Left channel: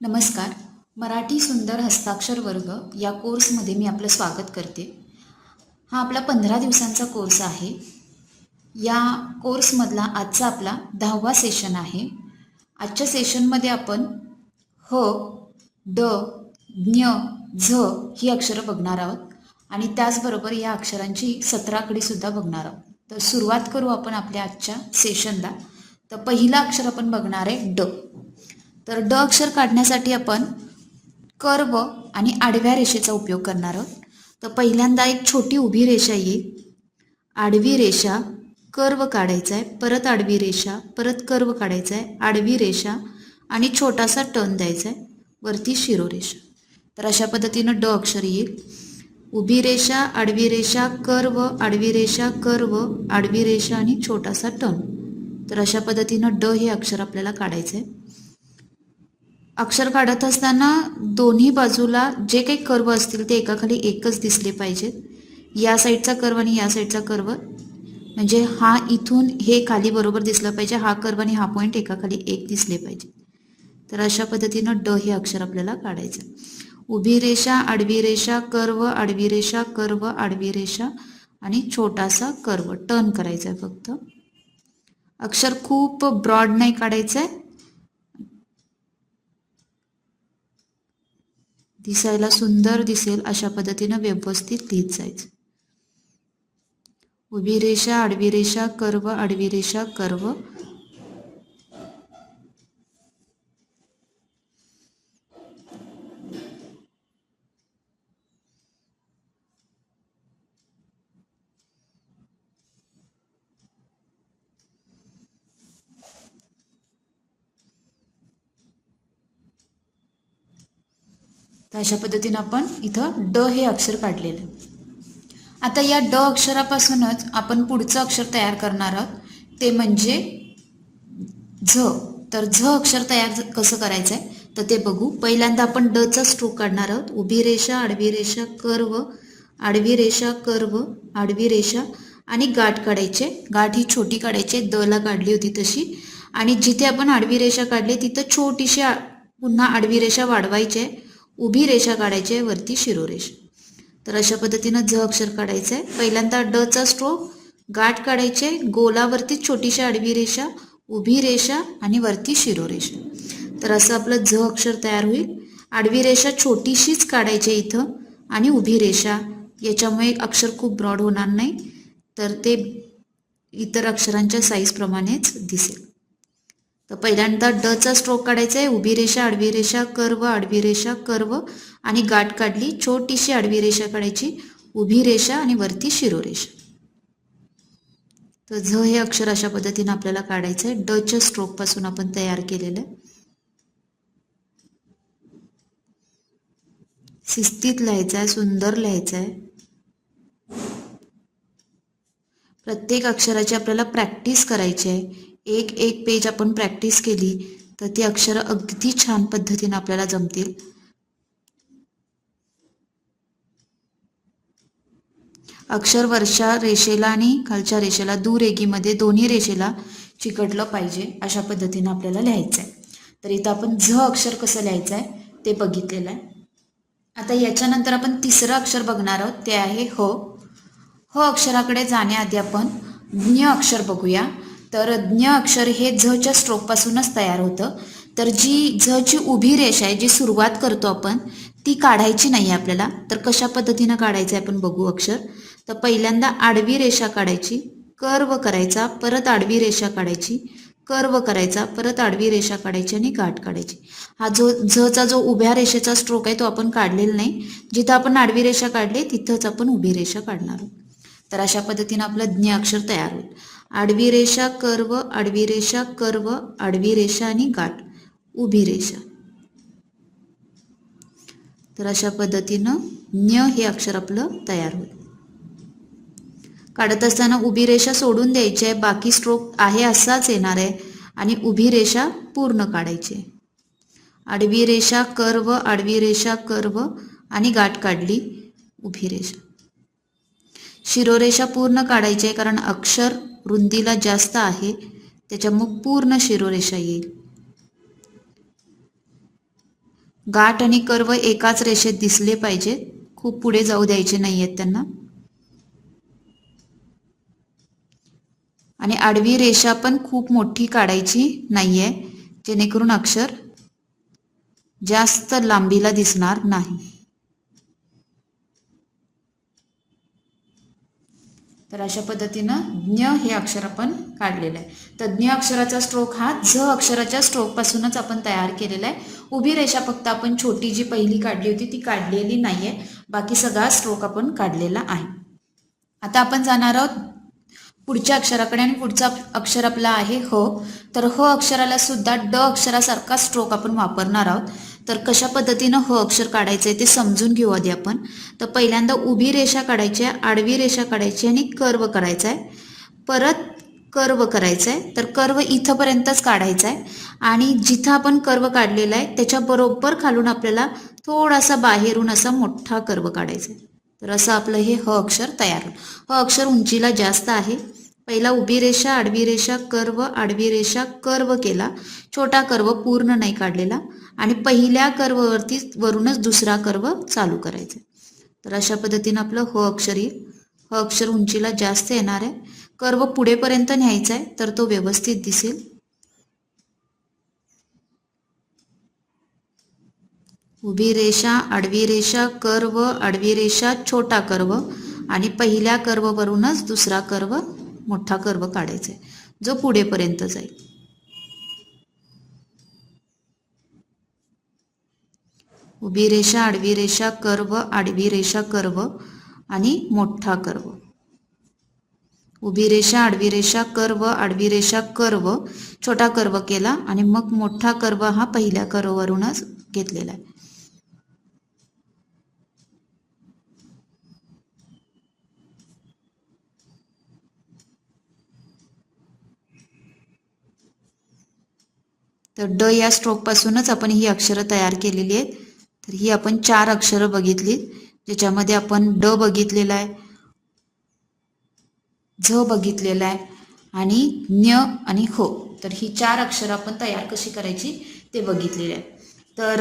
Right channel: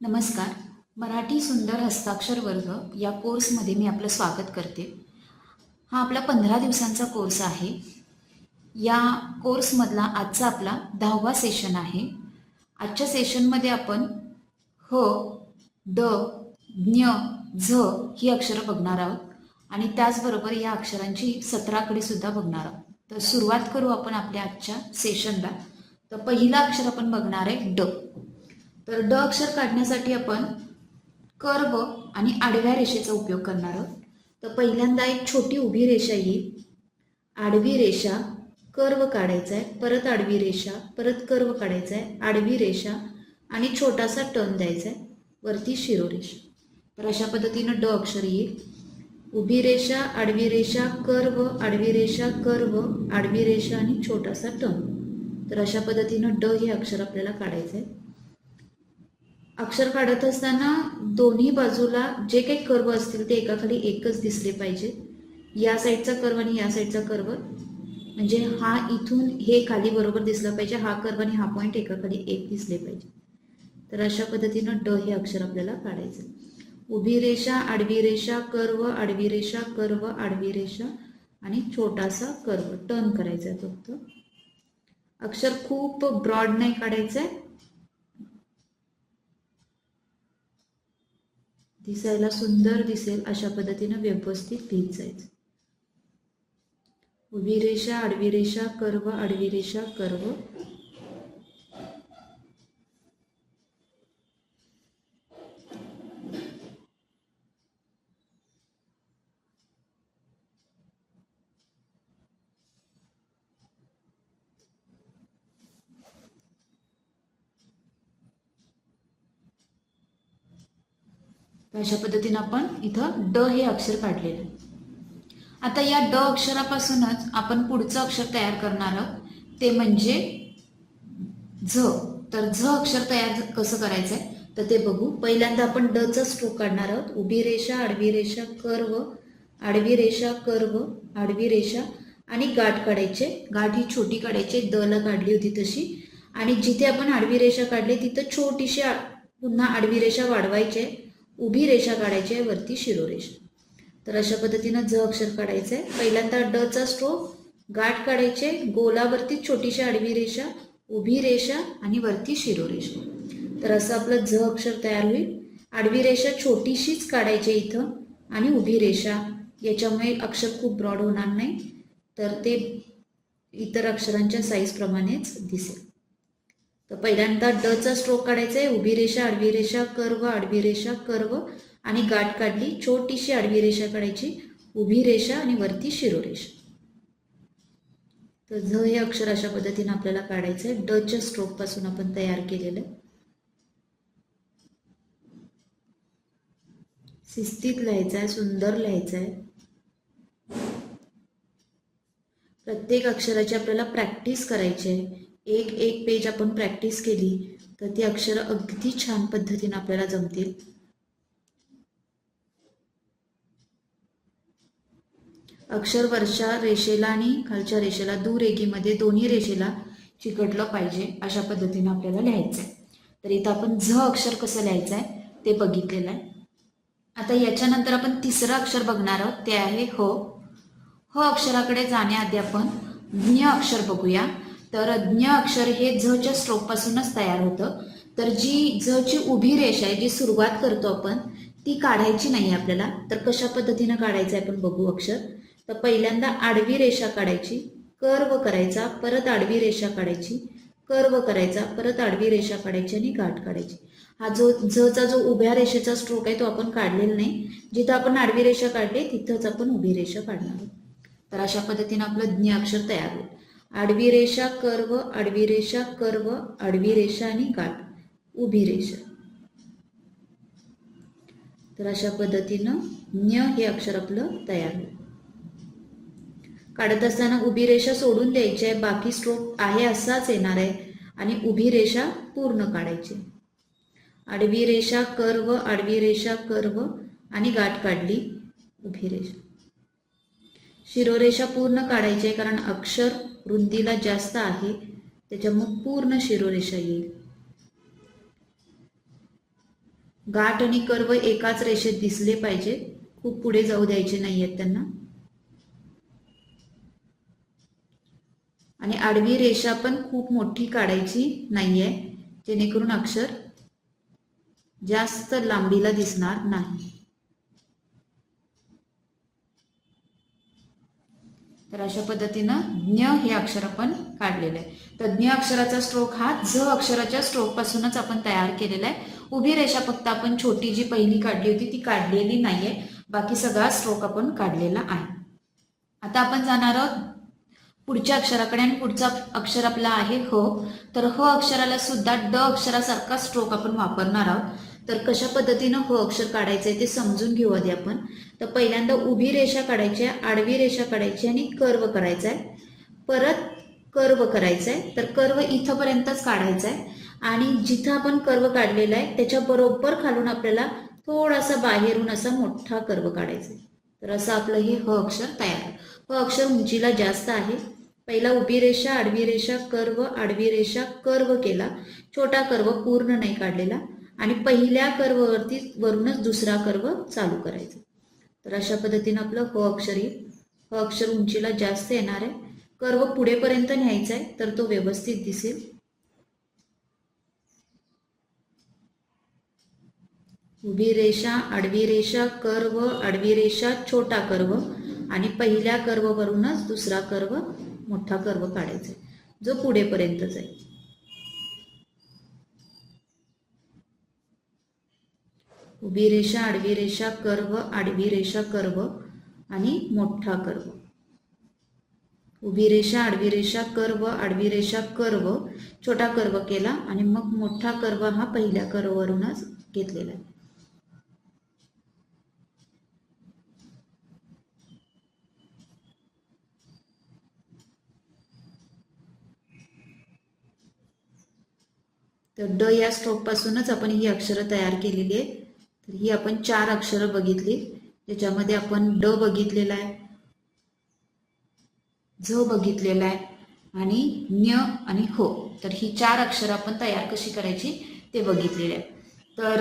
नमस्कार. मराठी सुंदर हस्ताक्षर वर्ग या कोर्समध्ये मी आपलं स्वागत करते. हा आपला पंधरा दिवसांचा कोर्स आहे. या कोर्समधला आजचा आपला दहावा सेशन आहे. आजच्या सेशनमध्ये आपण ह ड ज्ञ झ ही अक्षरं बघणार आहोत. आणि त्याचबरोबर या अक्षरांची सतराकडीसुद्धा बघणार आहोत. तर सुरुवात करू आपण आपल्या आजच्या सेशनला. तर पहिलं अक्षर आपण बघणार आहे ड. तर ड अक्षर काढण्यासाठी आपण कर्व आणि आडव्या रेषेचा उपयोग करणार आहोत. तर पहिल्यांदा एक छोटी उभी रेषा येईल आडवी रेषा कर्व काढायचा आहे परत आडवी रेषा परत कर्व काढायचा आहे आडवी रेषा आणि छोटासा टर्न द्यायचा आहे वरती शिरोरेषा तर अशा पद्धतीनं ड अक्षर येईल उभी रेषा आडवी रेषा कर्व आडवी रेषा कर्व आडवी रेषा आणि छोटासा टर्न. तर अशा पद्धतीनं ड हे अक्षर आपल्याला काढायचं आहे अक्षर काढत असताना दोन्ही बाजूला जे काही कर्व असतील ते एकाखाली एकच दिसले पाहिजेत. या साईडचा कर्व आणि या साईडचा कर्व. म्हणजे हा इथून हे खाली बरोबर दिसला पाहिजे हा कर्व आणि हा पॉईंट एकाखाली एक दिसले पाहिजे तर अशा पद्धतीनं ड हे अक्षर आपल्याला काढायचं. उभी रेषा आडवी रेषा कर्व आडवी रेषा कर्व आडवी रेषा आणि छोटासा कर्व. टर्न करायचा आहे फक्त. अक्षर खूप ब्रॉड नाही काढायचं आहे दिसायला सुंदर दिसेल अशा पद्धतीनं व्यवस्थित लिहित जायचं. उभी रेषा आडवी रेषा कर्व आडवी रेषा कर्व. अशा पद्धतीनं आपण इथं ड हे अक्षर काढलेलं. आता या ड अक्षरापासूनच आपण पुढचं अक्षर तयार करणार आहोत. ते म्हणजे झ. तर झ अक्षर तयार कसं करायचं आहे तर ते बघू. पहिल्यांदा आपण डचा स्ट्रोक काढणार आहोत. उभी रेषा आडवी रेषा कर्व आडवी रेषा कर्व आडवी रेषा आणि गाठ काढायचे. गाठ ही छोटी काढायची. द ला काढली होती तशी. आणि जिथे आपण आडवी रेषा काढली तिथं छोटीशी पुन्हा आडवी रेषा वाढवायची आहे. उभी रेषा काढायची आहे वरती शिरोरेषा. तर अशा पद्धतीनं झ अक्षर काढायचं आहे पहिल्यांदा डचा स्ट्रोक गाठ काढायचे गोलावरती छोटीशी आडवी रेषा उभी रेषा आणि वरती शिरोरेषा. तर असं आपलं झ अक्षर तयार होईल. आडवी रेषा छोटीशीच काढायची आहे इथं आणि उभी रेषा. याच्यामुळे अक्षर खूप ब्रॉड होणार नाही. तर ते इतर अक्षरांच्या साईजप्रमाणेच दिसेल. तर पहिल्यांदा डचा स्ट्रोक काढायचा आहे. उभी रेषा आडवी रेषा कर्व आडवी रेषा कर्व आणि गाठ काढली. छोटीशी आडवी रेषा काढायची. उभी रेषा आणि वरती शिरोरेषा तर झ हे अक्षर अशा पद्धतीनं आपल्याला काढायचं आहे डच्या स्ट्रोकपासून आपण तयार केलेलं आहे. शिस्तीत लिहायचं आहे सुंदर लिहायचं आहे प्रत्येक अक्षराची आपल्याला प्रॅक्टिस करायची आहे. एक एक पेज आपण प्रॅक्टिस केली तर ती अक्षरं अगदी छान पद्धतीने आपल्याला जमतील. अक्षर वरच्या रेषेला आणि खालच्या रेषेला दुरेगीमध्ये दोन्ही रेषेला चिकटलं पाहिजे अशा पद्धतीने आपल्याला लिहायचं आहे तर इथं आपण झ अक्षर कसं लिहायचं आहे ते बघितलेलं आहे. आता याच्यानंतर आपण तिसरं अक्षर बघणार आहोत ते आहे ह. ह अक्षराकडे जाण्याआधी आपण ज्ञ अक्षर बघूया. तर ज्ञ अक्षर हे झच्या स्ट्रोकपासूनच तयार होतं. तर जी झची उभी रेषा आहे जी सुरुवात करतो आपण ती काढायची नाही आपल्याला. तर कशा पद्धतीनं काढायचं आहे आपण बघू अक्षर. तर पहिल्यांदा आडवी रेषा काढायची कर्व करायचा परत आडवी रेषा काढायची कर्व करायचा परत आडवी रेषा काढायची आणि गाठ काढायची. हा जो झचा जो उभ्या रेषेचा स्ट्रोक आहे तो आपण काढलेला नाही. जिथं आपण आडवी रेषा काढली तिथंच आपण उभी रेषा काढणार आहोत. तर अशा पद्धतीनं आपलं ज्ञ अक्षर तयार होईल. आडवी रेषा कर्व आडवी रेषा कर्व आडवी रेषा आणि गाठ उभी रेषा. तर अशा पद्धतीनं ज्ञ हे अक्षर आपलं तयार होईल. काढत असताना उभी रेषा सोडून द्यायची आहे बाकी स्ट्रोक आहे असाच येणार आहे आणि उभी रेषा पूर्ण काढायची आहे. आडवी रेषा कर्व आडवी रेषा कर्व आणि गाठ काढली उभी रेषा. शिरोरेषा पूर्ण काढायची आहे कारण अक्षर रुंदीला जास्त आहे त्याच्यामुळे पूर्ण शिरोरेषा येईल. गाठ आणि कर्व एकाच रेषेत दिसले पाहिजे. खूप पुढे जाऊ द्यायचे नाही आहेत त्यांना. आणि आडवी रेषा पण खूप मोठी काढायची नाही आहे जेणेकरून अक्षर जास्त लांबीला दिसणार नाही. तर अशा पद्धतीनं ज्ञ हे अक्षर आपण काढलेलं आहे. तर ज्ञ अक्षराचा स्ट्रोक हा झ अक्षराच्या स्ट्रोकपासूनच आपण तयार केलेला आहे. उभी रेषा फक्त आपण छोटी जी पहिली काढली होती ती काढलेली नाही आहे बाकी सगळा स्ट्रोक आपण काढलेला आहे. आता आपण जाणार आहोत पुढच्या अक्षराकडे आणि पुढचा अक्षर आपला आहे ह. तर ह अक्षराला सुद्धा ड अक्षरासारखा स्ट्रोक आपण वापरणार आहोत. तर कशा पद्धतीनं ह अक्षर काढायचं आहे ते समजून घेऊ आधी आपण. तर पहिल्यांदा उभी रेषा काढायची आहे आडवी रेषा काढायची आणि कर्व काढायचा आहे परत कर्व करायचं आहे तर कर्व इथंपर्यंतच काढायचा आहे आणि जिथं आपण कर्व काढलेला आहे त्याच्या बरोबर खालून आपल्याला थोडासा बाहेरून असा मोठा कर्व काढायचा आहे तर असं आपलं हे ह अक्षर तयार होईल. ह अक्षर उंचीला जास्त आहे. पहिला उभी रेषा आडवी रेषा कर्व आडवी रेषा कर्व केला. छोटा कर्व पूर्ण नाही काढलेला. आणि पहिल्या कर्ववरती वरूनच दुसरा कर्व चालू करायचा. तर अशा पद्धतीनं आपलं ह अक्षर येईल. ह अक्षर उंचीला जास्त येणार आहे. कर्व पुढेपर्यंत न्यायचा आहे तर तो व्यवस्थित दिसेल. उभी रेषा आडवी रेषा कर्व आडवी रेषा छोटा कर्व आणि पहिल्या कर्ववरूनच दुसरा कर्व मोठा कर्व काढायचा आहे. जो पुढेपर्यंत जाईल उभी रेषा आडवी रेषा कर्व आडवी रेषा कर्व आणि मोठा कर्व. उभी रेषा आडवी रेषा कर्व आडवी रेषा कर्व छोटा कर्व केला आणि मग मोठा कर्व हा पहिल्या कर्ववरूनच घेतलेला आहे. तर ड या स्ट्रोकपासूनच आपण ही अक्षरं तयार केलेली आहेत. तर ही आपण चार अक्षरं बघितली ज्याच्यामध्ये आपण ड बघितलेला आहे झ बघितलेला आहे आणि न्य आणि हो तर ही चार अक्षरं आपण तयार कशी करायची ते बघितलेले आहे. तर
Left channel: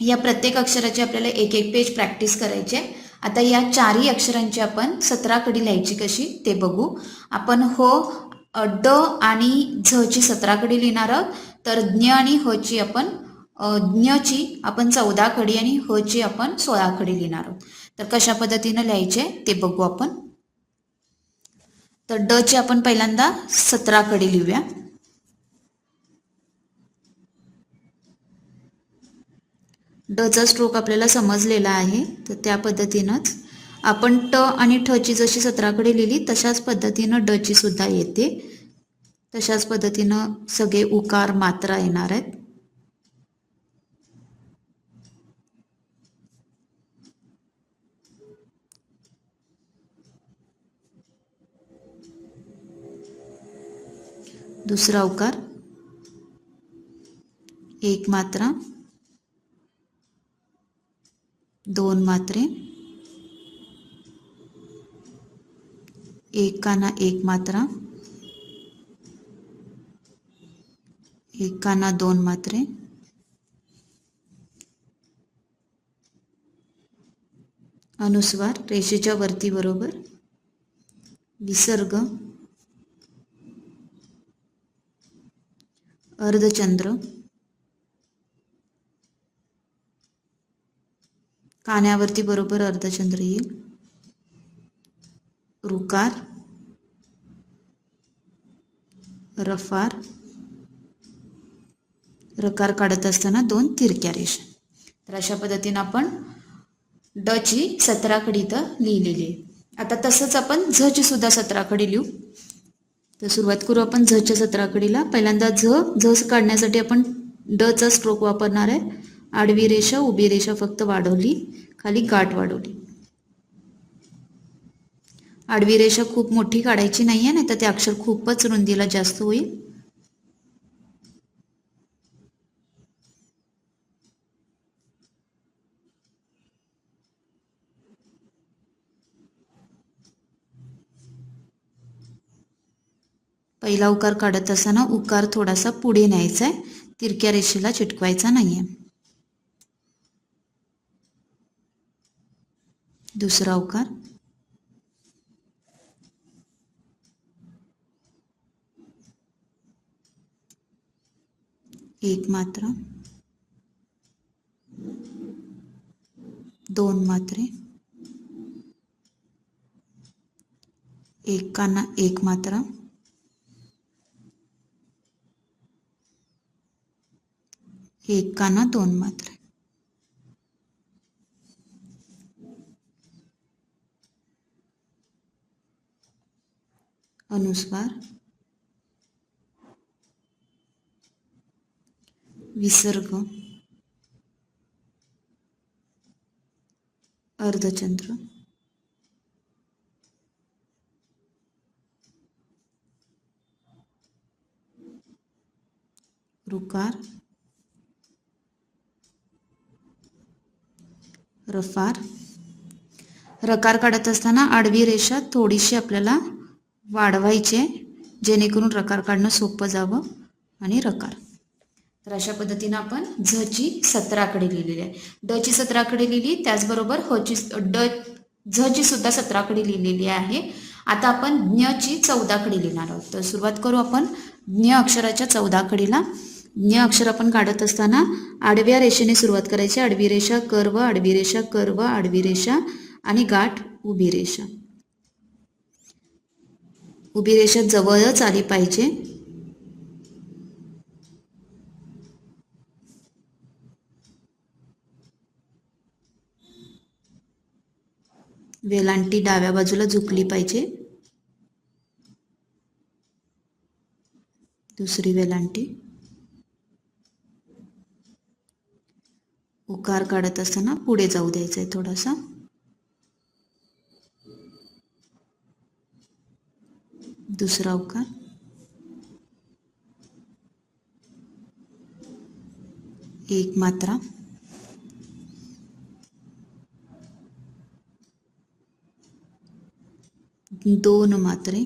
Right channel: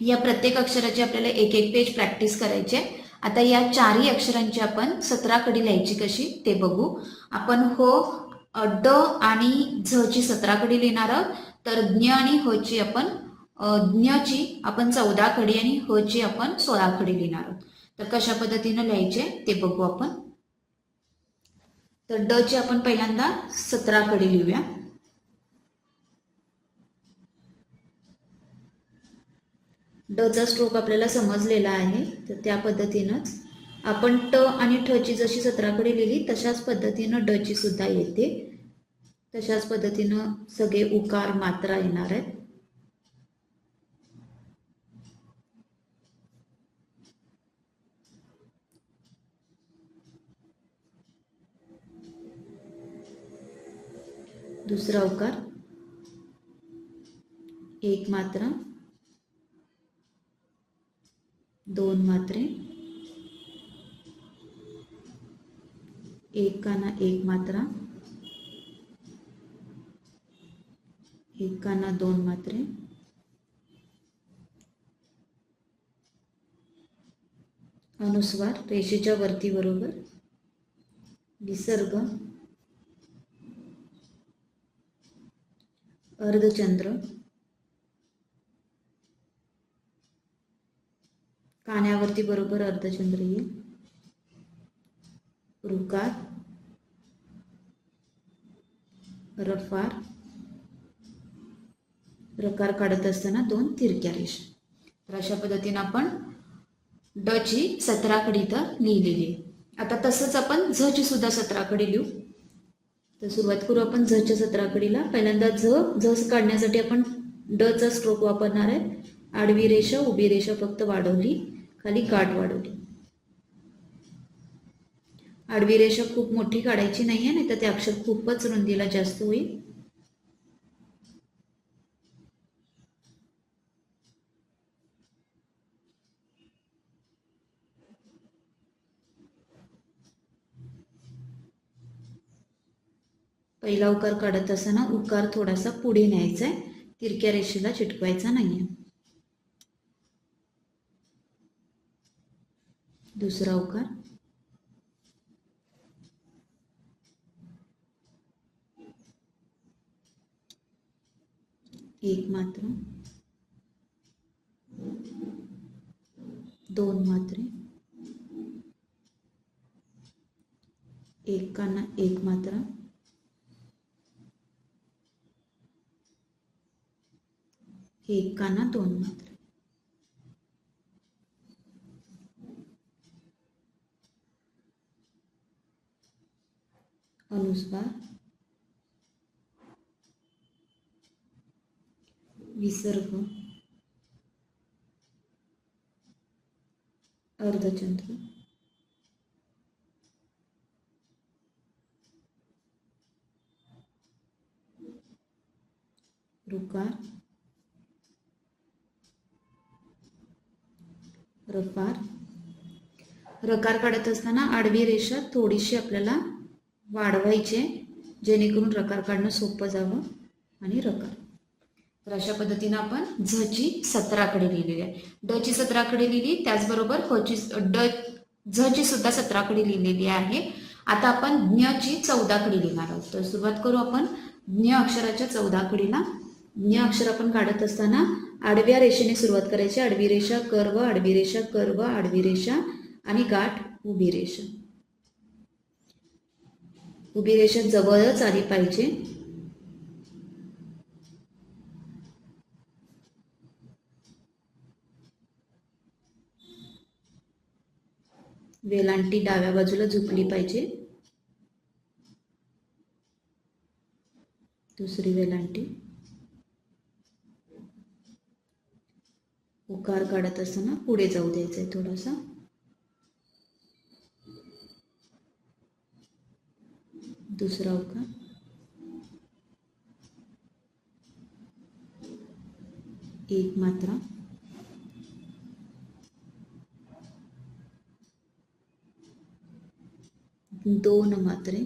या प्रत्येक अक्षराची आपल्याला एक एक पेज प्रॅक्टिस करायची आहे. आता या चारही अक्षरांची आपण सतरा कडी लिहायची कशी ते बघू. आपण हो ड आणि झ ची सतरा कडी लिहिणार आहोत. तर ज्ञ आणि हची ची आपण ज्ञची आपण चौदा कडी आणि ह ची आपण सोळा कडी लिहिणार आहोत. तर कशा पद्धतीनं लिहायचे ते बघू आपण. तर ड ची आपण पहिल्यांदा सतरा कडी लिहूया. डचा स्ट्रोक आपल्याला समजलेला आहे तर त्या पद्धतीनंच. आपण ट आणि ठ ची जशी सतराकडे लिहिली तशाच पद्धतीनं ड ची सुद्धा येते. तशाच पद्धतीनं सगळे उकार मात्रा येणार आहेत. दुसरा उकार, एक मात्रा, दोन मात्रे, एक काना एक मात्रा, एक काना दोन मात्रे, अनुस्वार रेषेच्या वरती बरोबर, विसर्ग अर्धचंद्र. कान्यावरती बरोबर अर्धचंद्र येईल. रुकार रफार. रकार काढत असताना दोन तिरक्या रेषा. तर अशा पद्धतीनं आपण ड ची तर इथं लिहिलेली आहे. आता तसंच आपण झ ची सुद्धा सतराकडी लिहू. तर सुरुवात करू आपण झच्या सतरा कडीला पहिल्यांदा झ झ काढण्यासाठी आपण डचा स्ट्रोक वापरणार आहे. आडवी रेषा उभी रेषा फक्त वाढवली. खाली गाठ वाढवली. आडवी रेषा खूप मोठी काढायची नाही आहे नाही तर ते अक्षर खूपच रुंदीला जास्त होईल. पहिला उकार काढत असताना उकार थोडासा पुढे न्यायचा आहे. तिरक्या रेषेला चिटकवायचा नाही आहे दुसरा उकार. एक मात्र. दोन मात्रे. एक काना एक मात्रा. एक काना दोन मात्रे. अनुस्वार. विसर्ग. अर्धचंद्र. रुकार रफार. रकार काढत असताना आडवी रेषा थोडीशी आपल्याला वाढवायचे जेणेकरून रकार काढणं सोपं जावं आणि रकार. तर अशा पद्धतीनं आपण झची सतराकडे लिहिलेली आहे. डची सतराकडे लिहिली त्याचबरोबर हची ड झची सुद्धा सतराकडे लिहिलेली आहे. आता आपण ज्ञची चौदाकडे लिहिणार आहोत. तर सुरुवात करू आपण ज्ञ अक्षराच्या चौदा कडीला ज्ञ अक्षर आपण काढत असताना आडव्या रेषेने सुरुवात करायची. आडवी रेषा कर्व आडवी रेषा कर्व आडवी रेषा आणि गाठ उभी रेषा. उभी रेषा जवळच आली पाहिजे. वेलांटी डाव्या बाजूला झुकली पाहिजे. दुसरी वेलांटी. उकार काढत असताना पुढे जाऊ द्यायचा आहे थोडासा. दुसरा उकार. एक मात्रा. दोन मात्रे.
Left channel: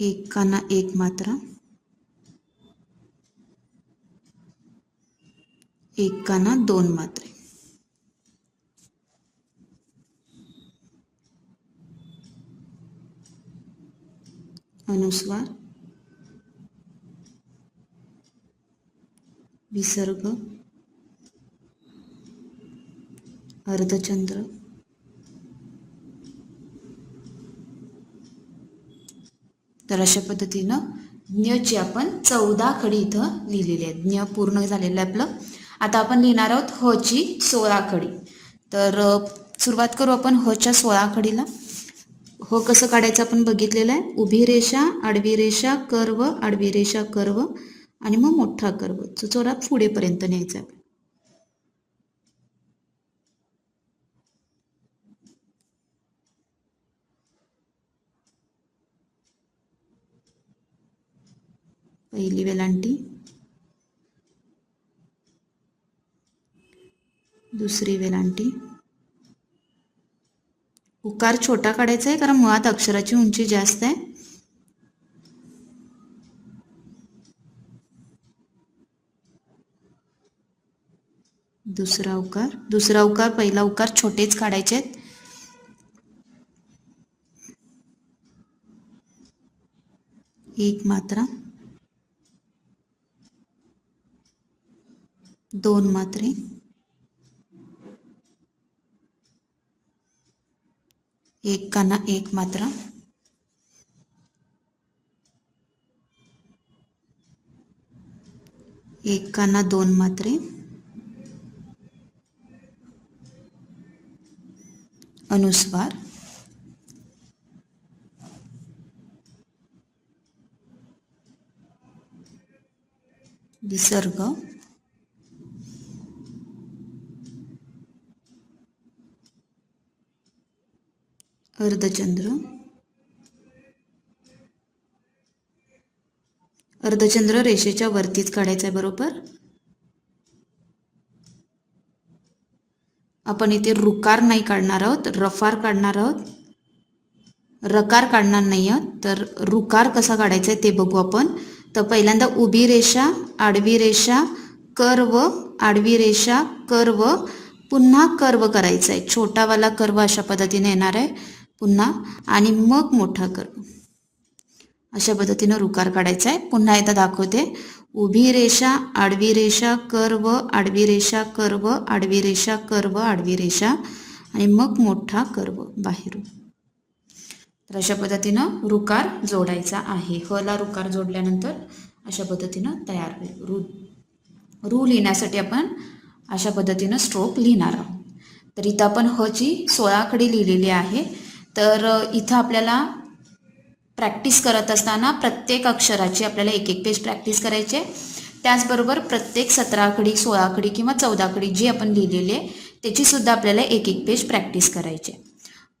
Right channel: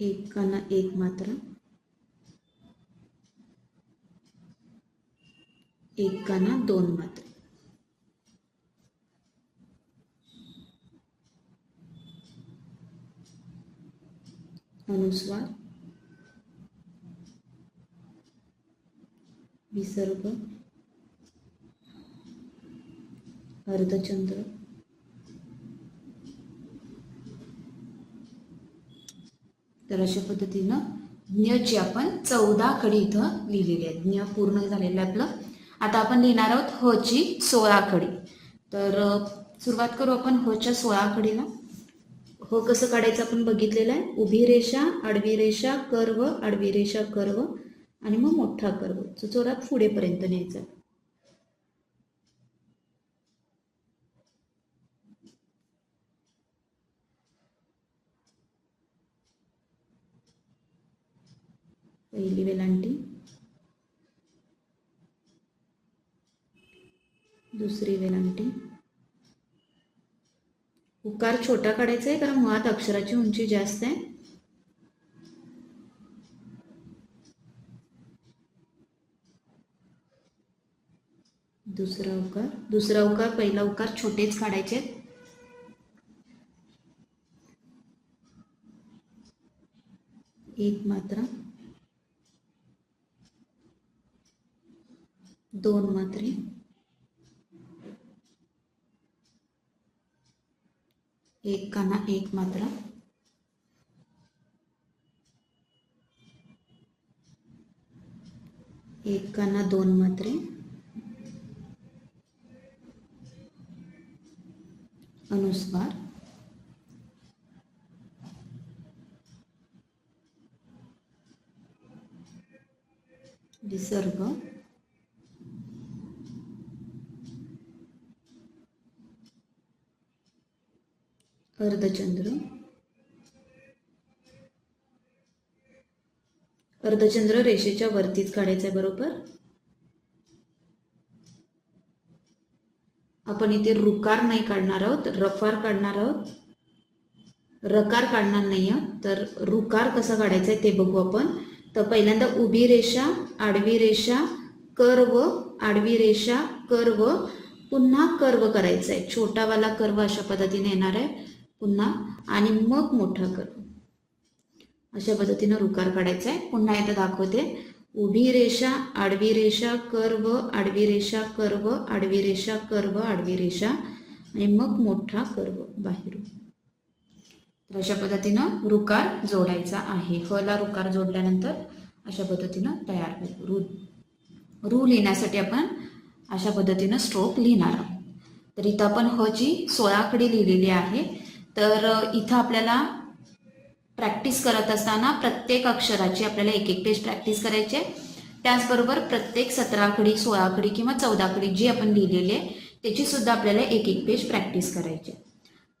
एक काना एक मात्रा. एक दोन मात्रे. अनुस्वार. विसर्ग. अर्धचंद्र. तर अशा पद्धतीनं ज्ञची आपण चौदा कडी इथं लिहिलेली आहे ज्ञ पूर्ण झालेलं आहे आपलं. आता आपण लिहिणार आहोत हची सोळा खडी तर सुरुवात करू आपण हच्या सोळा खडीला हो कसं काढायचं आपण बघितलेलं आहे. उभी रेषा आडवी रेषा कर्व आडवी रेषा कर्व आणि मग मोठा कर्व. जो चोरा पुढेपर्यंत न्यायचा आहे. पहिली वेलांटी. दुसरी वेलांटी. उकार छोटा काढायचा आहे कारण मुळात अक्षराची उंची जास्त आहे. दुसरा उकार. दुसरा उकार पहिला उकार छोटेच काढायचे आहेत. एक मात्रा. दोन मात्रे. एक काना एक मात्रा। एक काना दोन मात्रे। अनुस्वार। विसर्ग। अर्धचंद्र. अर्धचंद्र रेषेच्या वरतीच काढायचं आहे बरोबर. आपण इथे रुकार नाही काढणार आहोत रफार काढणार आहोत. रकार काढणार नाही आहोत तर रुकार कसा काढायचा आहे ते बघू आपण. तर पहिल्यांदा उभी रेषा आडवी रेषा कर्व आडवी रेषा कर्व पुन्हा कर्व करायचा आहे छोटावाला कर्व अशा पद्धतीने येणार आहे. पुन्हा आणि मग मोठा कर्व अशा पद्धतीनं रुकार काढायचा आहे. पुन्हा एकदा दाखवते. उभी रेषा आडवी रेषा कर्व आडवी रेषा कर्व आडवी रेषा कर्व आडवी रेषा आणि मग मोठा कर्व बाहेरून. तर अशा पद्धतीनं रुकार जोडायचा आहे. हला रुकार जोडल्यानंतर अशा पद्धतीनं तयार होईल. रू रू लिहिण्यासाठी आपण अशा पद्धतीनं स्ट्रोक लिहिणार आहोत. तर इथं आपण हची सोळाकडे लिहिलेली आहे. तर इथं आपल्याला प्रॅक्टिस करत असताना प्रत्येक अक्षराची आपल्याला एक एक पेज प्रॅक्टिस करायची आहे. त्याचबरोबर प्रत्येक सतरा आडी सोळा आकडी किंवा चौदा आकडी जी आपण लिहिलेली आहे त्याचीसुद्धा आपल्याला एक एक पेज प्रॅक्टिस करायची आहे.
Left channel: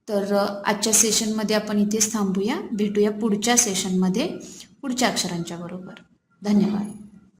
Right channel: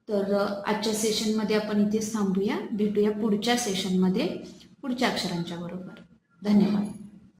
तर आजच्या सेशनमध्ये आपण इथेच थांबूया. भेटूया पुढच्या सेशनमध्ये पुढच्या अक्षरांच्या बरोबर. धन्यवाद.